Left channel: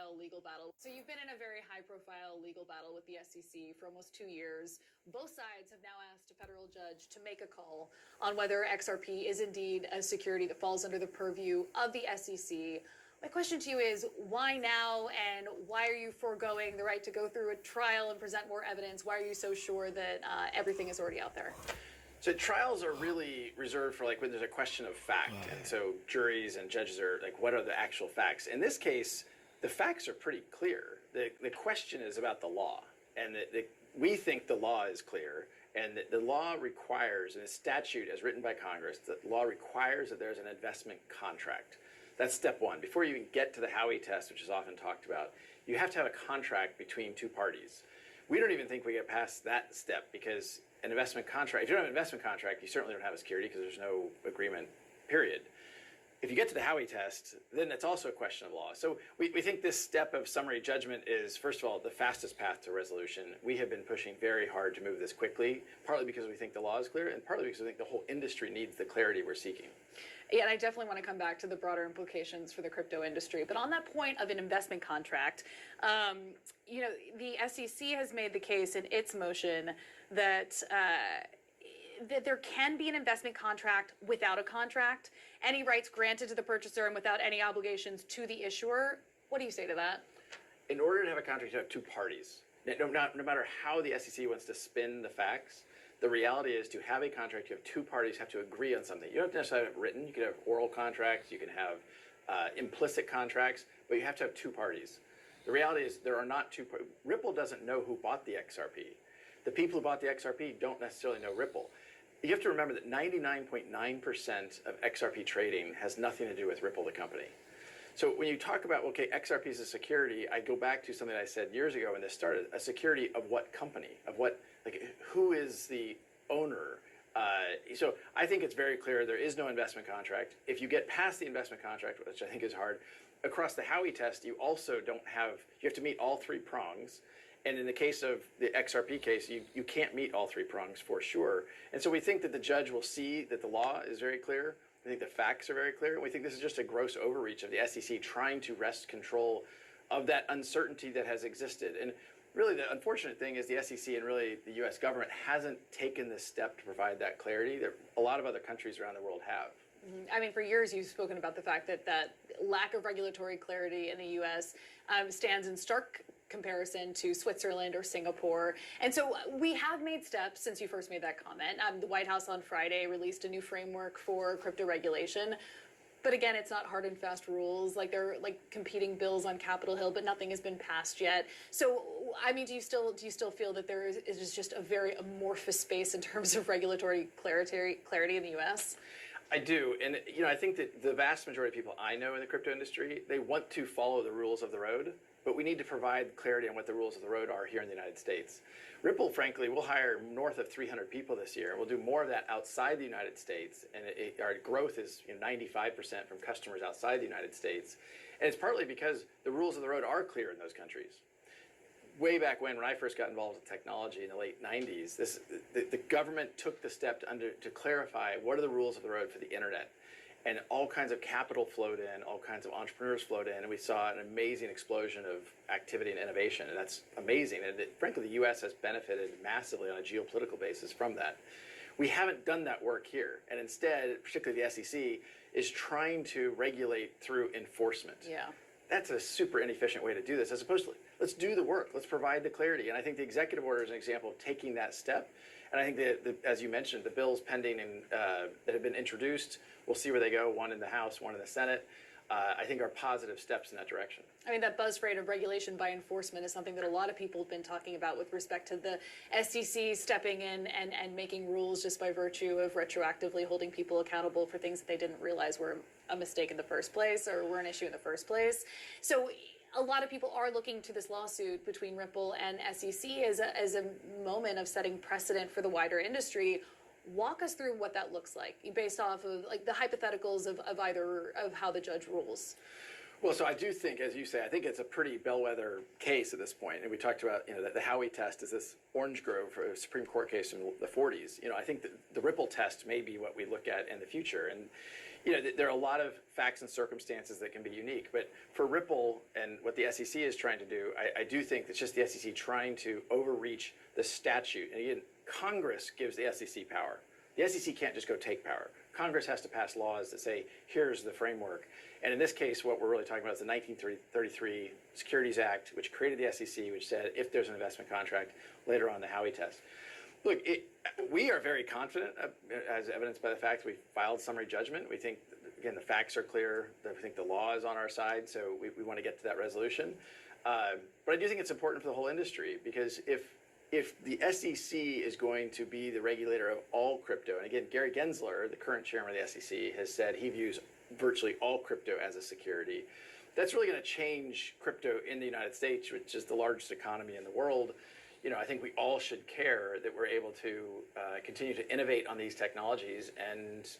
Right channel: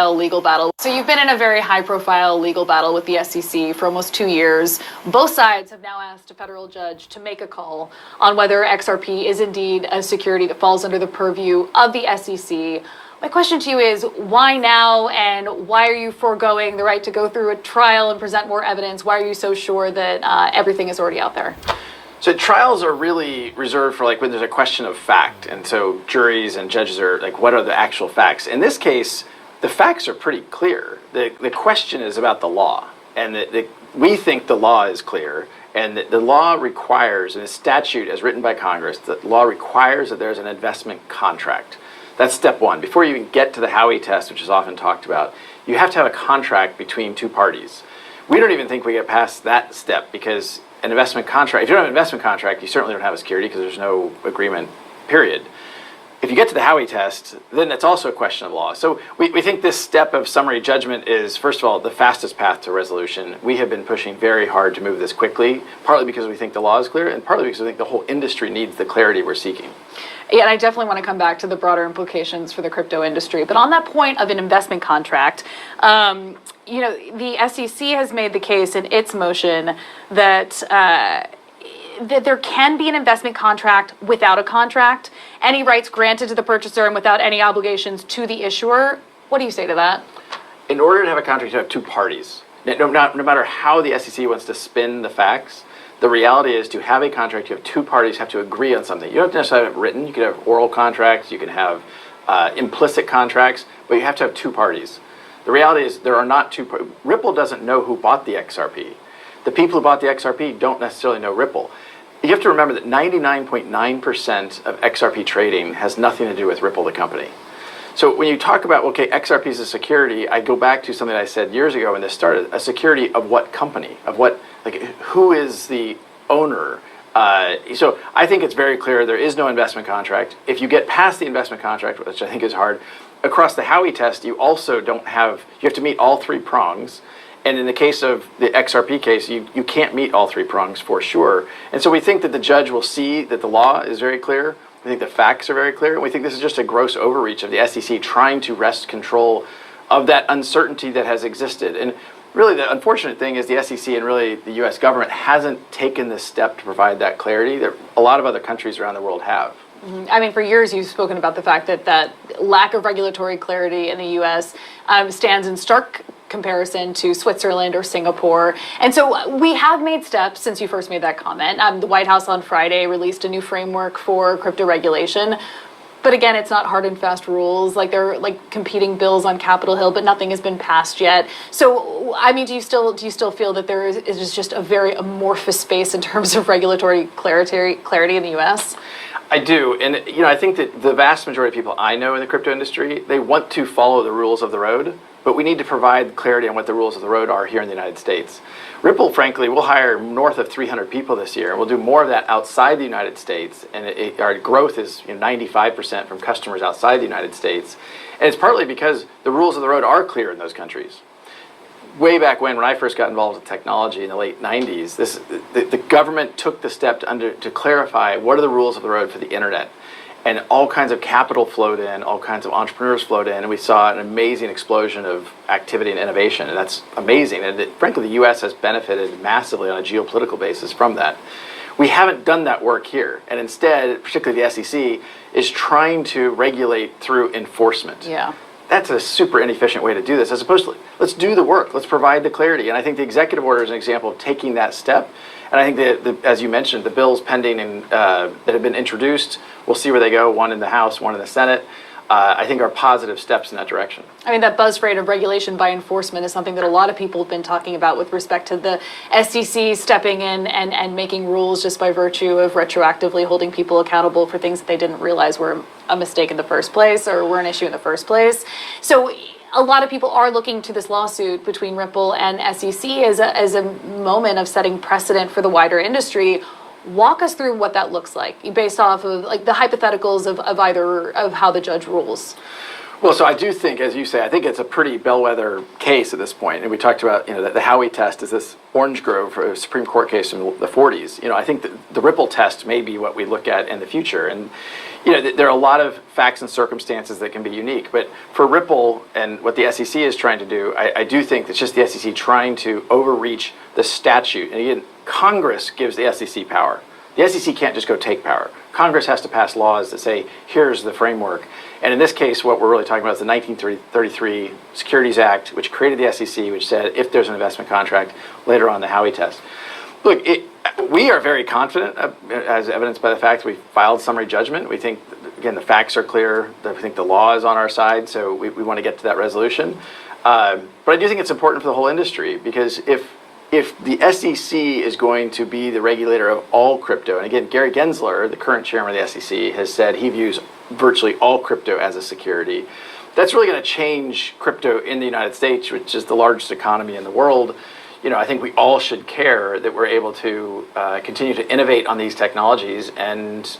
legal battle. So you've been in a very high-profile legal battle with the SEC for almost 2 years. Both sides have now asked a federal judge to make a call on whether XRP is indeed a security that falls under the purview of the SEC. My question to you is, why now, and why are you foregoing the right to go through a trial and present more evidence? Why are you so sure that everything is already out there? So trials are really reserved for when there's a question of fact, and so juries and judges are what are the actual facts? In this case, the facts are pretty clear. The question is about the law, and we think the law is clear, and the law requires, and the statute as written by Congress, the law requires that there's an investment contract. That's step one. Before you even get to the Howey test, which is often talked about, you have to have a contract between two parties. We don't even think we get past that step, because an investment contract, if you don't have an investment contract, you certainly don't have a security because there's no agreement, period. If you get to the Howey test, then it's also a question of law. So we think this step of summary judgment is, first of all, the fastest path to resolution. We have been pushing very hard to move this quickly, partly because we think the law is clear, and partly because we think the whole industry needs the clarity we're seeking. Yeah, and I definitely want to come back to the broader implications for the crypto industry. But on that point of an investment contract, the SEC has made the case in its motion that that there can be an investment contract without a contract, any rights granted to the purchaser and without any obligations to the issuer. What do you say to that? In order to have a contract, you have two parties. No matter how the SEC wants to spin the facts, the reality is to have a contract, you have two parties have to agree on something. You don't necessarily have it written. You can have oral contracts, you can have implicit contracts, but you have to have two parties. The reality is there are not two parties. Ripple doesn't know who bought the XRP. The people who bought the XRP don't necessarily know Ripple. You have to remember that 99.9% of XRP trading has nothing to do with Ripple, the company. So when you talk about, okay, XRP is a security, I go back to something I said years ago when this started. A security of what company? Of what, who is the owner? So I think it's very clear there is no investment contract. If you get past the investment contract, which I think is hard, across the Howey test, you also don't have, you have to meet all three prongs. And in the case of the XRP case, you can't meet all three prongs for sure. And so we think that the judge will see that the law is very clear. We think the facts are very clear. And we think this is just a gross overreach of the SEC trying to wrest control of that uncertainty that has existed. And really the unfortunate thing is the SEC and really the US government hasn't taken this step to provide that clarity that a lot of other countries around the world have. I mean, for years you've spoken about the fact that lack of regulatory clarity in the U.S. Stands in stark comparison to Switzerland or Singapore. And so we have made steps since you first made that comment. The White House on Friday released a new framework for crypto regulation. But again, it's not hard and fast rules. There are competing bills on Capitol Hill, but nothing has been passed yet. So, I mean, do you still feel that there is just a very amorphous space in terms of regulatory clarity in the U.S.? I do, and I think that the vast majority of people I know in the crypto industry, they want to follow the rules of the road, but we need to provide clarity on what the rules of the road are here in the United States. Ripple, frankly, will hire north of 300 people this year, and we'll do more of that outside the United States, and our growth is 95% from customers outside the United States, and it's partly because the rules of the road are clear in those countries. Way back when I first got involved with technology in the late 90s, the government took the step to clarify what are the rules of the road for the internet. And all kinds of capital flowed in, all kinds of entrepreneurs flowed in, and we saw an amazing explosion of activity and innovation, and that's amazing. And frankly, the US has benefited massively on a geopolitical basis from that. We haven't done that work here, and instead, particularly the SEC, is trying to regulate through enforcement. Yeah. That's a super inefficient way to do this, as opposed to let's do the work, let's provide the clarity. And I think the executive order is an example of taking that step. And I think that, as you mentioned, the bills pending and that have been introduced, we'll see where they go, one in the House, one in the Senate, I think are positive steps in that direction. I mean, that buzz phrase of regulation by enforcement is something that a lot of people have been talking about with respect to the SEC stepping in and making rules just by virtue of retroactively holding people accountable for things that they didn't realize were a mistake in the first place or were an issue in the first place. So a lot of people are looking to this lawsuit between Ripple and SEC as a moment of setting precedent for the wider industry. Walk us through what that looks like, based off of the hypotheticals of how the judge rules. Well, so I do think, as you say, I think it's a pretty bellwether case at this point. And we talked about, the Howey test is this Orange Grove Supreme Court case from the 40s. I think the Ripple test may be what we look at in the future. And, there are a lot of facts and circumstances that can be unique. But for Ripple and what the SEC is trying to do, I do think it's just the SEC trying to overreach the statute. And again, Congress gives the SEC power. The SEC can't just go take power. Congress has to pass laws that say, here's the framework. And in this case, what we're really talking about is the 1933 Securities Act, which created the SEC, which said if there's an investment contract, later on the Howey test. Look, we are very confident, as evidenced by the fact that we filed summary judgment. We think, again, the facts are clear. We think the law is on our side, so we want to get to that resolution. But I do think it's important for the whole industry, because if the SEC is going to be the regulator of all crypto, and again, Gary Gensler, the current chairman of the SEC, has said he views virtually all crypto as a security, that's really going to change crypto in the United States, which is the largest economy in the world. I think we all should care that we're able to continue to innovate on these technologies and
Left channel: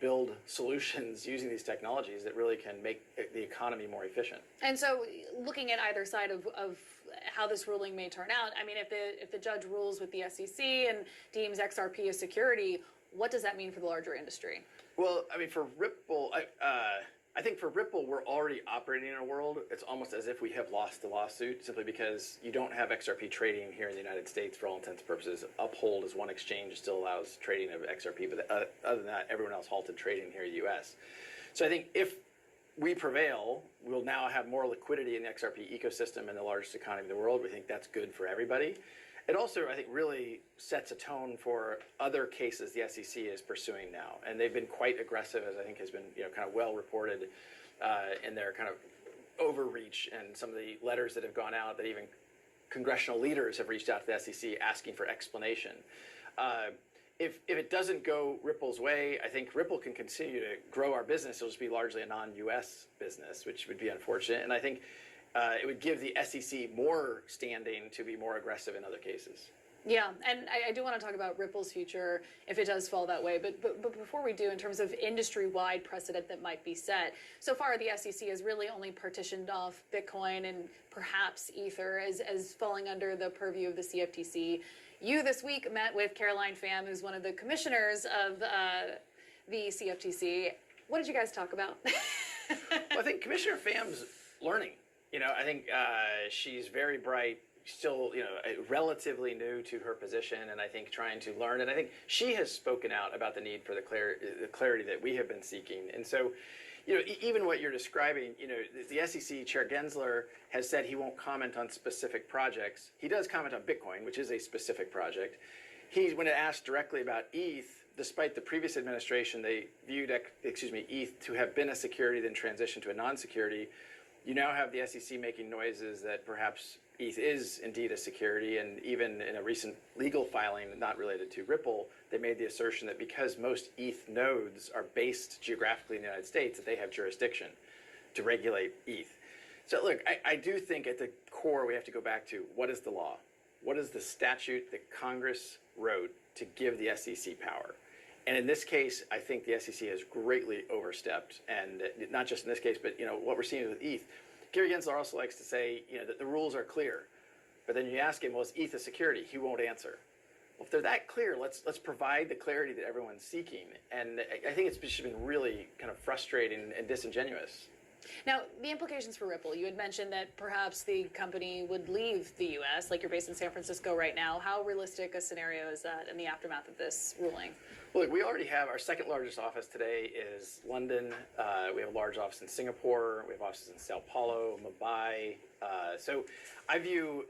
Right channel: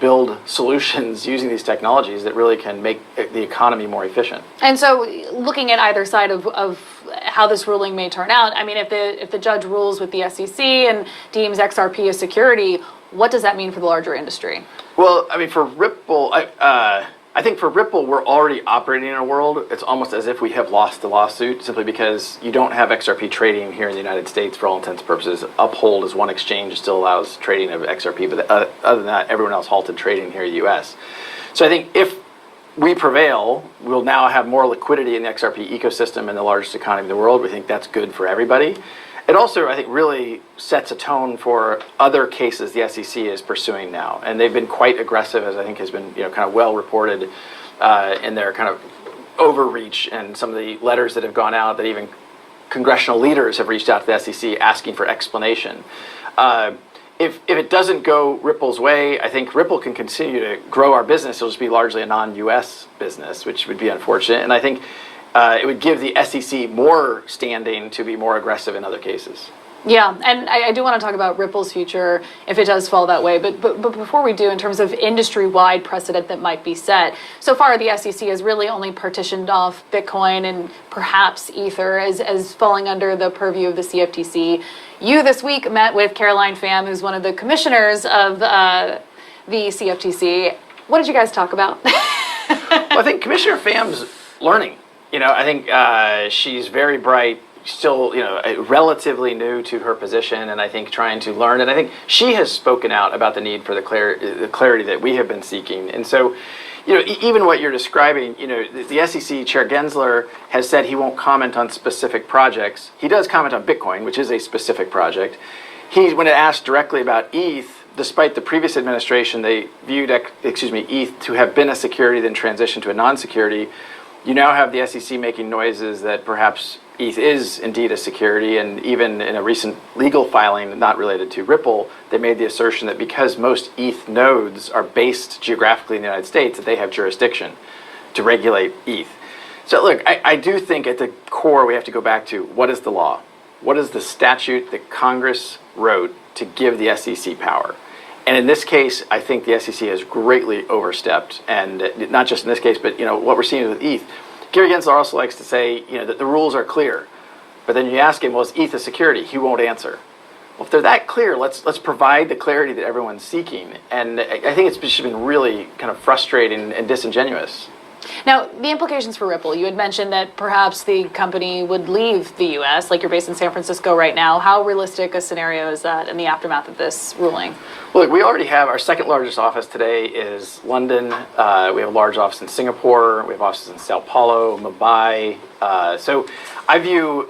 build solutions using these technologies that really can make the economy more efficient. And so, looking at either side of how this ruling may turn out, I mean, if the judge rules with the SEC and deems XRP a security, what does that mean for the larger industry? Well, I mean, for Ripple, I think for Ripple, we're already operating in a world. It's almost as if we have lost the lawsuit, simply because you don't have XRP trading here in the United States for all intents and purposes. Uphold is one exchange, still allows trading of XRP, but other than that, everyone else halted trading here in the U.S. So I think if we prevail, we'll now have more liquidity in the XRP ecosystem in the largest economy in the world. We think that's good for everybody. It also, I think, really sets a tone for other cases the SEC is pursuing now. And they've been quite aggressive, as I think has been kind of well reported in their kind of overreach and some of the letters that have gone out, that even congressional leaders have reached out to the SEC asking for explanation. If it doesn't go Ripple's way, I think Ripple can continue to grow our business. It'll just be largely a non-US business, which would be unfortunate. And I think it would give the SEC more standing to be more aggressive in other cases. Yeah, and I do want to talk about Ripple's future if it does fall that way. But before we do, in terms of industry-wide precedent that might be set, so far the SEC has really only partitioned off Bitcoin and perhaps Ether as falling under the purview of the CFTC. You this week met with Caroline Pham, who's one of the commissioners of the CFTC. What did you guys talk about? Well, I think Commissioner Pham's learning. I think she's very bright, still, relatively new to her position, and I think trying to learn. And I think she has spoken out about the need for the clarity that we have been seeking. And so, even what you're describing, the SEC Chair Gensler has said he won't comment on specific projects. He does comment on Bitcoin, which is a specific project. When asked directly about ETH, despite the previous administration, they viewed ETH to have been a security, then transitioned to a non-security. You now have the SEC making noises that perhaps ETH is indeed a security, and even in a recent legal filing not related to Ripple, they made the assertion that because most ETH nodes are based geographically in the United States, that they have jurisdiction to regulate ETH. So look, I do think at the core we have to go back to what is the law? What is the statute that Congress wrote to give the SEC power? And in this case, I think the SEC has greatly overstepped, and not just in this case, but what we're seeing with ETH. Gary Gensler also likes to say that the rules are clear, but then you ask him, well, is ETH a security? He won't answer. Well, if they're that clear, let's provide the clarity that everyone's seeking. And I think it's just been really kind of frustrating and disingenuous. Now, the implications for Ripple, you had mentioned that perhaps the company would leave the U.S., like you're based in San Francisco right now. How realistic a scenario is that in the aftermath of this ruling? Well, we already have our second largest office today is London. We have a large office in Singapore. We have offices in Sao Paulo, Mumbai. So I view,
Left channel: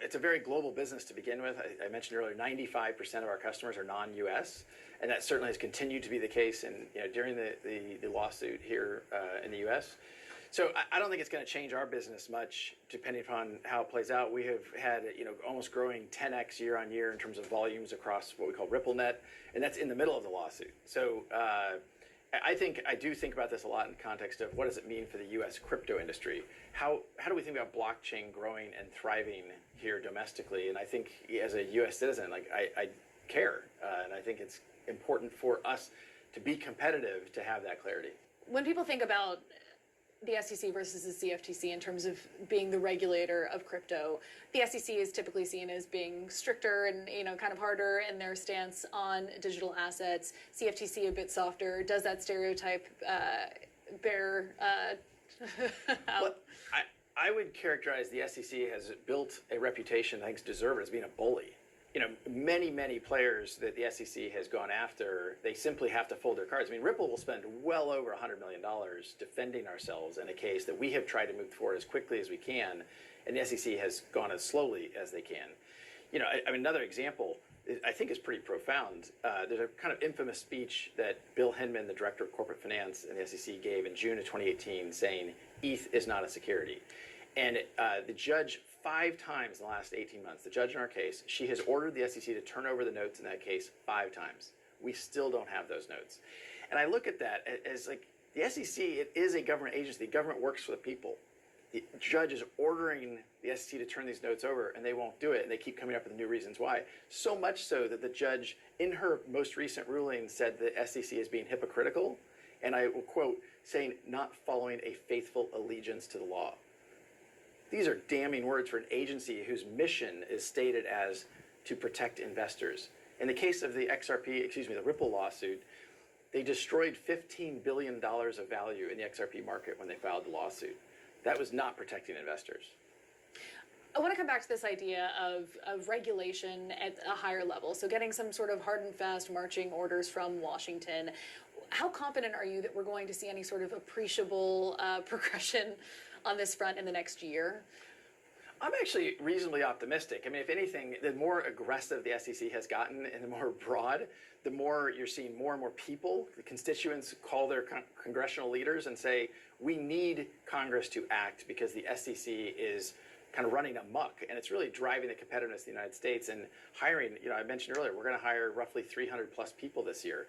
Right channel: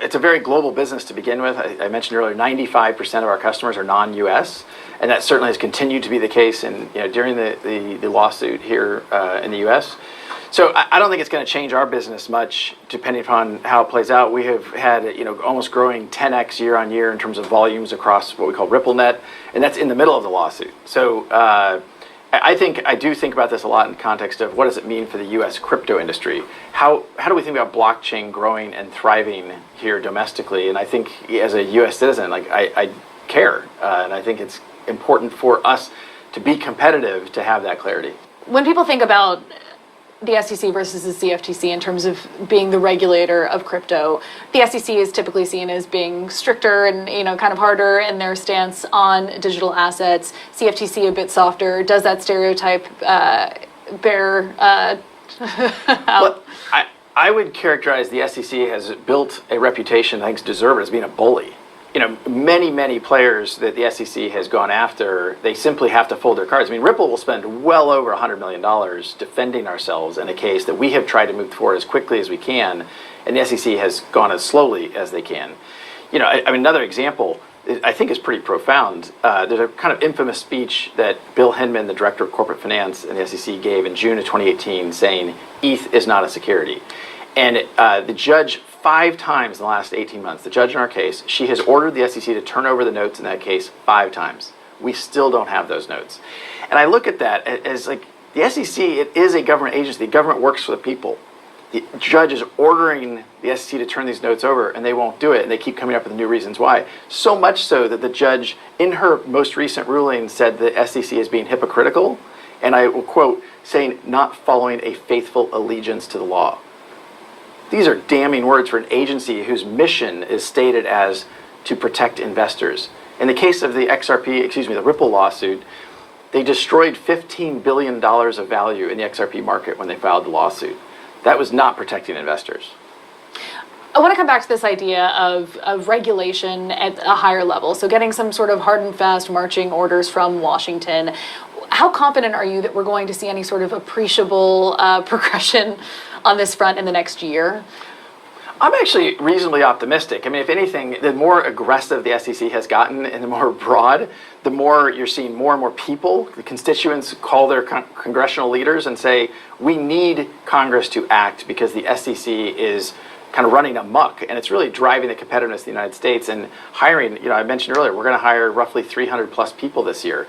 it's a very global business to begin with. I mentioned earlier, 95% of our customers are non-U.S., and that certainly has continued to be the case during the lawsuit here in the U.S. So I don't think it's going to change our business much, depending upon how it plays out. We have had almost growing 10x year on year in terms of volumes across what we call RippleNet, and that's in the middle of the lawsuit. So I do think about this a lot in context of what does it mean for the U.S. crypto industry? How do we think about blockchain growing and thriving here domestically? And I think as a U.S. citizen, I care, and I think it's important for us to be competitive to have that clarity. When people think about the SEC versus the CFTC in terms of being the regulator of crypto. The SEC is typically seen as being stricter and kind of harder in their stance on digital assets. CFTC a bit softer. Does that stereotype bear Well, I would characterize the SEC has built a reputation, I think, deserved as being a bully. Many players that the SEC has gone after, they simply have to fold their cards. I mean, Ripple will spend well over $100 million defending ourselves in a case that we have tried to move forward as quickly as we can, and the SEC has gone as slowly as they can. I mean, another example I think is pretty profound. There's a kind of infamous speech that Bill Hinman, the director of corporate finance in the SEC, gave in June of 2018 saying, ETH is not a security. And the judge, 5 times in the last 18 months, the judge in our case, she has ordered the SEC to turn over the notes in that case 5 times. We still don't have those notes. And I look at that as like, the SEC, it is a government agency. The government works for the people. The judge is ordering the SEC to turn these notes over, and they won't do it, and they keep coming up with new reasons why. So much so that the judge, in her most recent ruling, said the SEC is being hypocritical, and I will quote, saying, not following a faithful allegiance to the law. These are damning words for an agency whose mission is stated as to protect investors. In the case of the the Ripple lawsuit, they destroyed $15 billion of value in the XRP market when they filed the lawsuit. That was not protecting investors. I want to come back to this idea of regulation at a higher level. So getting some sort of hard and fast marching orders from Washington. How confident are you that we're going to see any sort of appreciable progression on this front in the next year? I'm actually reasonably optimistic. I mean, if anything, the more aggressive the SEC has gotten and the more broad, the more you're seeing more and more people, the constituents call their congressional leaders and say, we need Congress to act because the SEC is kind of running amok, and it's really driving the competitiveness of the United States and hiring. I mentioned earlier, we're going to hire roughly 300 plus people this year.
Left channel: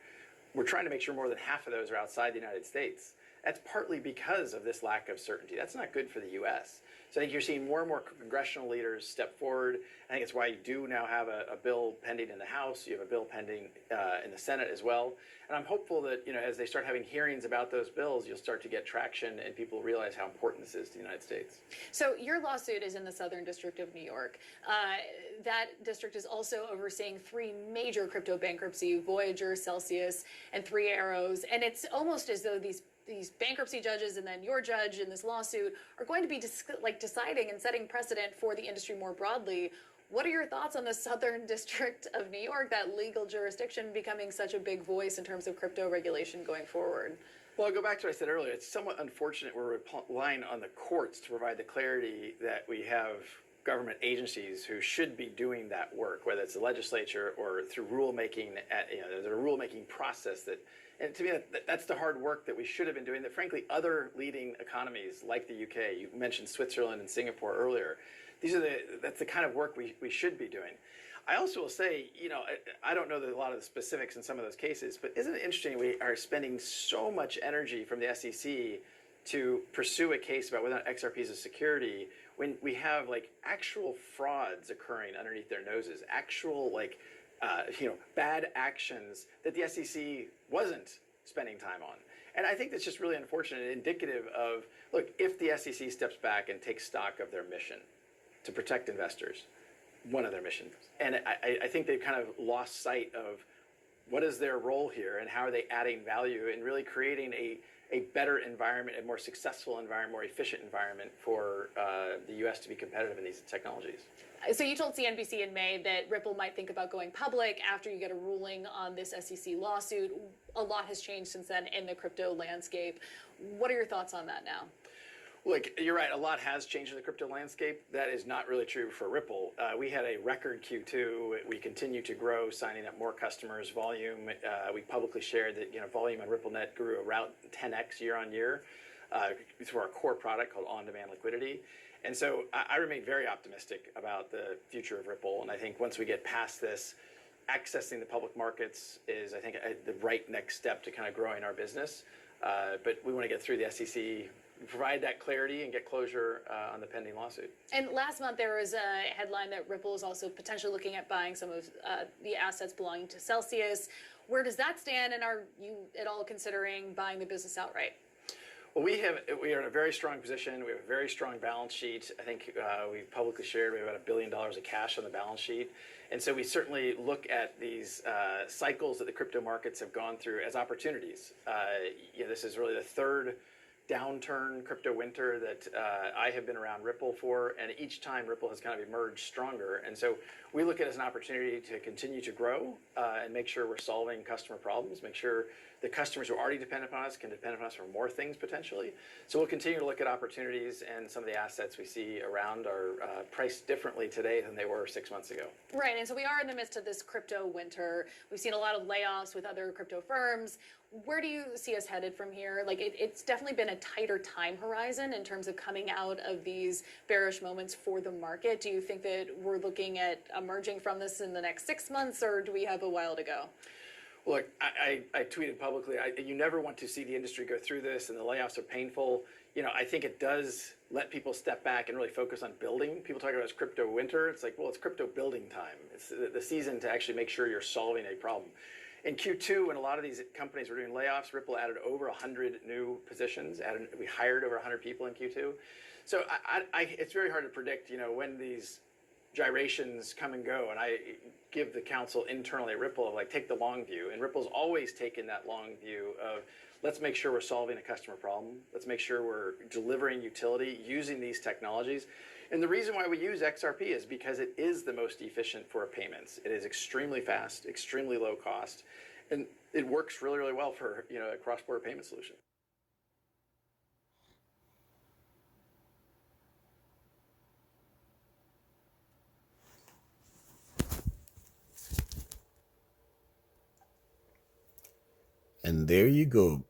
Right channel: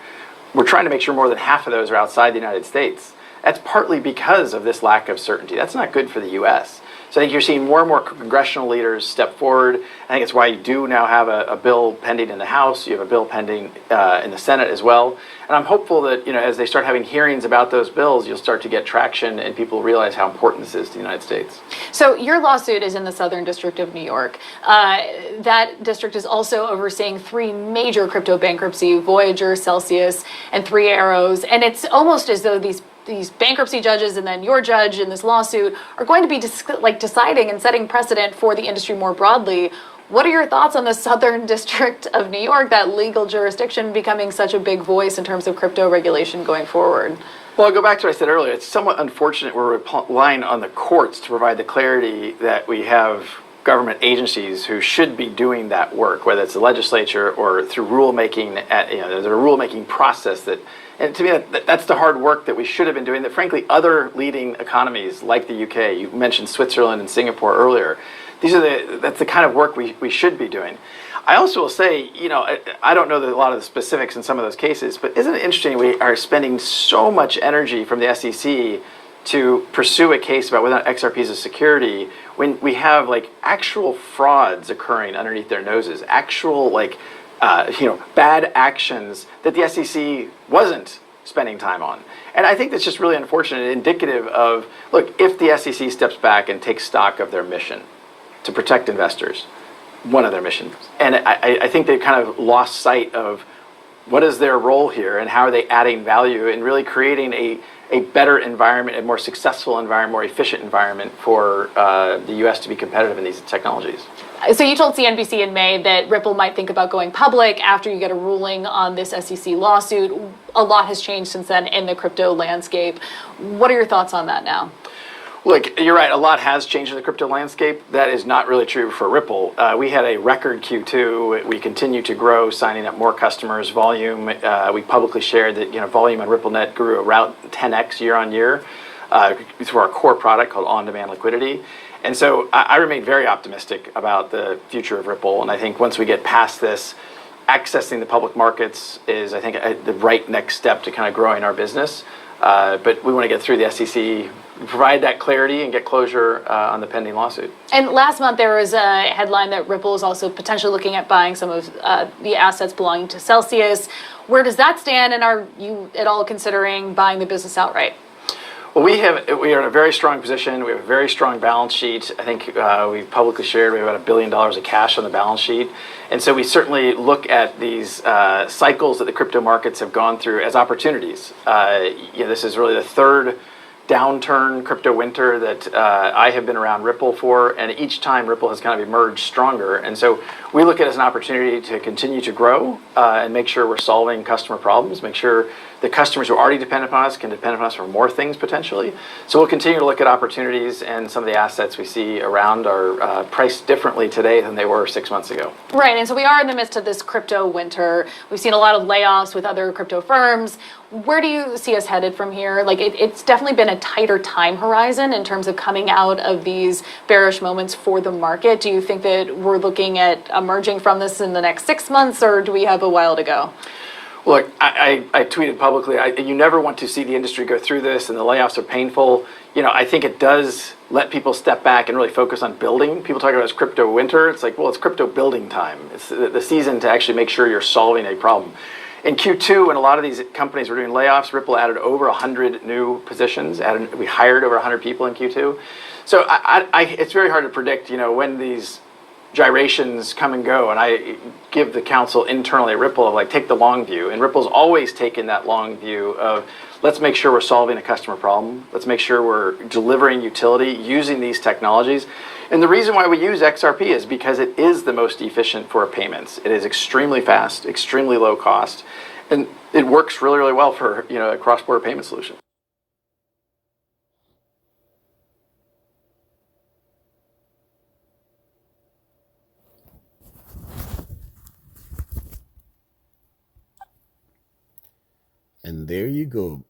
We're trying to make sure more than half of those are outside the United States. That's partly because of this lack of certainty. That's not good for the U.S. So I think you're seeing more and more congressional leaders step forward. I think it's why you do now have a bill pending in the House. You have a bill pending in the Senate as well. And I'm hopeful that as they start having hearings about those bills, you'll start to get traction and people realize how important this is to the United States. So your lawsuit is in the Southern District of New York. That district is also overseeing 3 major crypto bankruptcy, Voyager, Celsius, and 3 Arrows. And it's almost as though these bankruptcy judges and then your judge in this lawsuit are going to be deciding and setting precedent for the industry more broadly. What are your thoughts on the Southern District of New York, that legal jurisdiction becoming such a big voice in terms of crypto regulation going forward? Well, I'll go back to what I said earlier. It's somewhat unfortunate we're relying on the courts to provide the clarity that we have government agencies who should be doing that work, whether it's the legislature or through rulemaking. There's a rulemaking process that, and to me, that's the hard work that we should have been doing. That frankly, other leading economies like the UK, you mentioned Switzerland and Singapore earlier. That's the kind of work we should be doing. I also will say, I don't know a lot of the specifics in some of those cases, but isn't it interesting we are spending so much energy from the SEC to pursue a case about whether or not XRP is a security when we have actual frauds occurring underneath their noses, actual bad actions that the SEC wasn't spending time on. And I think that's just really unfortunate, indicative of, look, if the SEC steps back and takes stock of their mission to protect investors, one of their missions, and I think they've kind of lost sight of what is their role here and how are they adding value and really creating a better environment, a more successful environment, more efficient environment for the U.S. to be competitive in these technologies. So you told CNBC in May that Ripple might think about going public after you get a ruling on this SEC lawsuit. A lot has changed since then in the crypto landscape. What are your thoughts on that now? Look, you're right. A lot has changed in the crypto landscape. That is not really true for Ripple. We had a record Q2. We continue to grow, signing up more customers. Volume, we publicly shared that volume on RippleNet grew around 10x year on year through our core product called On-Demand Liquidity. And so I remain very optimistic about the future of Ripple. And I think once we get past this, accessing the public markets is, I think, the right next step to kind of growing our business. But we want to get through the SEC, provide that clarity and get closure on the pending lawsuit. And last month there was a headline that Ripple is also potentially looking at buying some of the assets belonging to Celsius. Where does that stand, and are you at all considering buying the business outright? Well, we are in a very strong position. We have a very strong balance sheet. I think we've publicly shared we have about $1 billion of cash on the balance sheet. And so we certainly look at these cycles that the crypto markets have gone through as opportunities. This is really the third downturn crypto winter that I have been around Ripple for, and each time Ripple has kind of emerged stronger. And so we look at it as an opportunity to continue to grow and make sure we're solving customer problems, make sure the customers who already depend upon us can depend upon us for more things potentially. So we'll continue to look at opportunities, and some of the assets we see around are priced differently today than they were 6 months ago. Right, and so we are in the midst of this crypto winter. We've seen a lot of layoffs with other crypto firms. Where do you see us headed from here? Like, it's definitely been a tighter time horizon in terms of coming out of these bearish moments for the market. Do you think that we're looking at emerging from this in the next 6 months, or do we have a while to go? Look, I tweeted publicly, you never want to see the industry go through this, and the layoffs are painful. I think it does let people step back and really focus on building. People talk about it as crypto winter. It's like, well, it's crypto building time. It's the season to actually make sure you're solving a problem. In Q2, when a lot of these companies were doing layoffs, Ripple added over 100 new positions. We hired over 100 people in Q2. So it's very hard to predict, when these gyrations come and go, and I give the counsel internally at Ripple of take the long view, and Ripple's always taken that long view of let's make sure we're solving a customer problem, let's make sure we're delivering utility using these technologies. And the reason why we use XRP is because it is the most efficient for payments. It is extremely fast, extremely low cost, and it works really, really well for a cross-border payment solution. And there you go.